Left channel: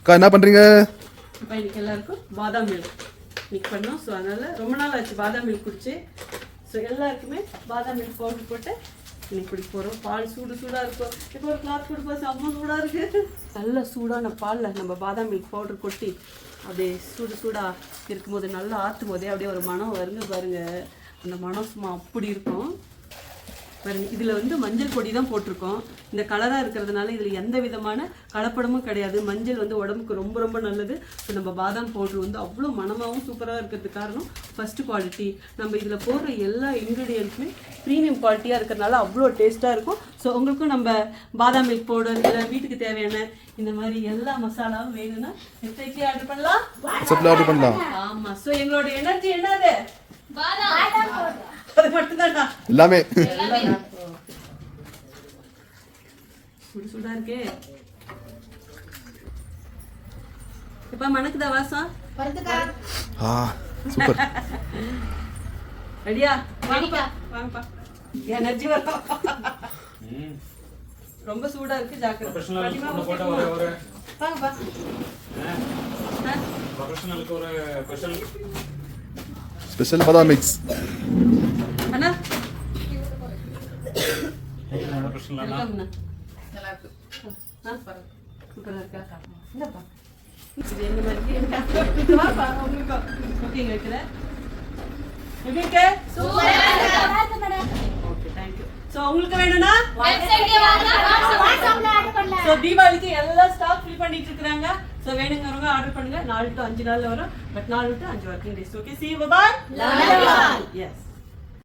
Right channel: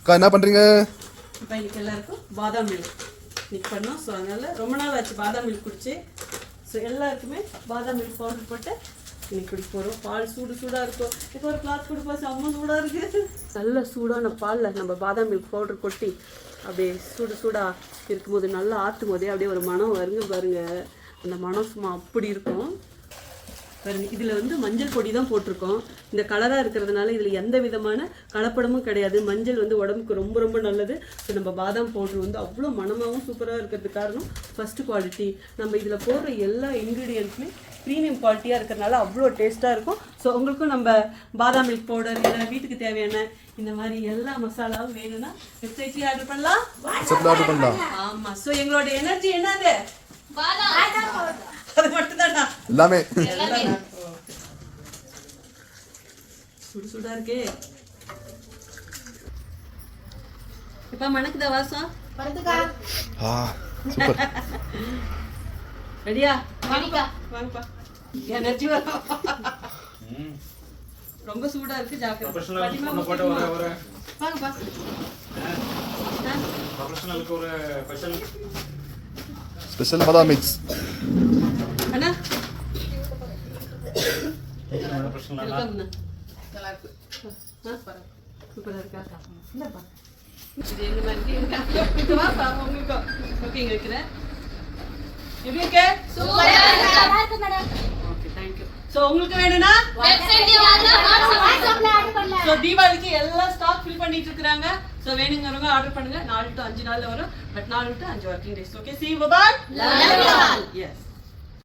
அக்கா என்ன பண்ணுறீங்க? இப்போ இன்னைக்கு எல்லாருக்கும் பாதாம் மில்க் இன்னைக்கு பண்ணோம். ஸோ அதனால் ரொம்ப நாள் ஆச்சு பாதாம் மில்க் குடிச்சு. ஸோ எல்லாருக்குமே பாதாம் மில்க் பவுடர் போட்டு இன்னைக்கு குடிக்க போகிறோம். பால் சூடாக இருக்கும். இப்போ ஒரு கிளாஸ் கொடுப்பா, செம்ம சூடாக இருக்குது. நல்ல சூடான பாலில் நம்ம பாதாம் மில்க் பவுடர் கொட்டி அப்படியே சூடாக இருக்கும்போது நல்லா ஆற்றும் போதே அப்படியே ஒரு மனம் வருங்க பாருங்க. அந்த மனம் சும்மா அப்படி இருக்கும் பாருங்க. இதில் வந்து மஞ்சள் பொடி தான் போட்டிருக்கோம். இந்த கலராக இருக்கிறதுனால இதில் எந்த விதமான கலப்படமும் கிடையாது. மஞ்சள் வந்து உடம்புக்கு ரொம்ப ரொம்ப நல்லது. ஸோ நம்ம பாதாம் பவுடர் வந்து அவ்வளோ மனமாகவும் சூப்பராக இருக்கிறதுக்கு காரணம் ஃபஸ்ட்டு குவாலிட்டி. நம்ம இதில் போடுற எல்லா இன்க்ரீடியன்ட்ஸுமே ப்ரீமியம் குவாலிட்டியாக இருக்கிறதுனால அவ்வளோ டேஸ்ட்டாக இருக்கும். ஸோ உங்களுக்கும் நம்ம பாதாம் மில்க் பவுடர் இல்லை வீட்டுக்கு தேவையான இந்த மாதிரி எல்லா மசாலாவும் வேணும்னா வெப்சைட்லேயே ஆர்டர் பண்ணலாம். ஆமாம். ஸோ எங்களோட எனர்ஜி என்னது? அது மட்டும்தானா? எல்லாமே சுடா இருக்கே. இப்ப மணக்குதா வாசம்? சூப்பர். ரெடியா? வாங்கப்பா வாங்கப்பா. எனர்ஜி வரும். ரொம்ப சூடா இருக்கு, ஜாக்கிரதை. வாங்கப்பா. ப்ரொஃபஷனலுக்கு ஒரு ஸ்பெஷல் பாதாம் மிக்ஸ். அண்ணா சூப்பரா இருக்கா? என்னப்பா இது எங்க மாதிரி இருக்கு? வாப்பா உங்களுக்கு ஓகேங்க வைக்கிறேன். எப்படி இருக்கு? சூப்பரா இருக்கு madam. Okay thank you. So உங்களுக்கு வேணும்னா வெப்சைட்ல வாட்ஸ்அப்ல ஆர்டர் பண்ணலாம். சோ தீபாவளிக்கு எல்லாம் ஸ்டாக் ஃபில் பண்ணிட்டு இருக்காங்க. சோ வேணும்ங்கறவங்க ஆர்டர் பண்ணுங்க. 4 to 5 நாள்ல வரும். But 4 to 5 working days. Okay, see you, bye bye. Love you all. Yes.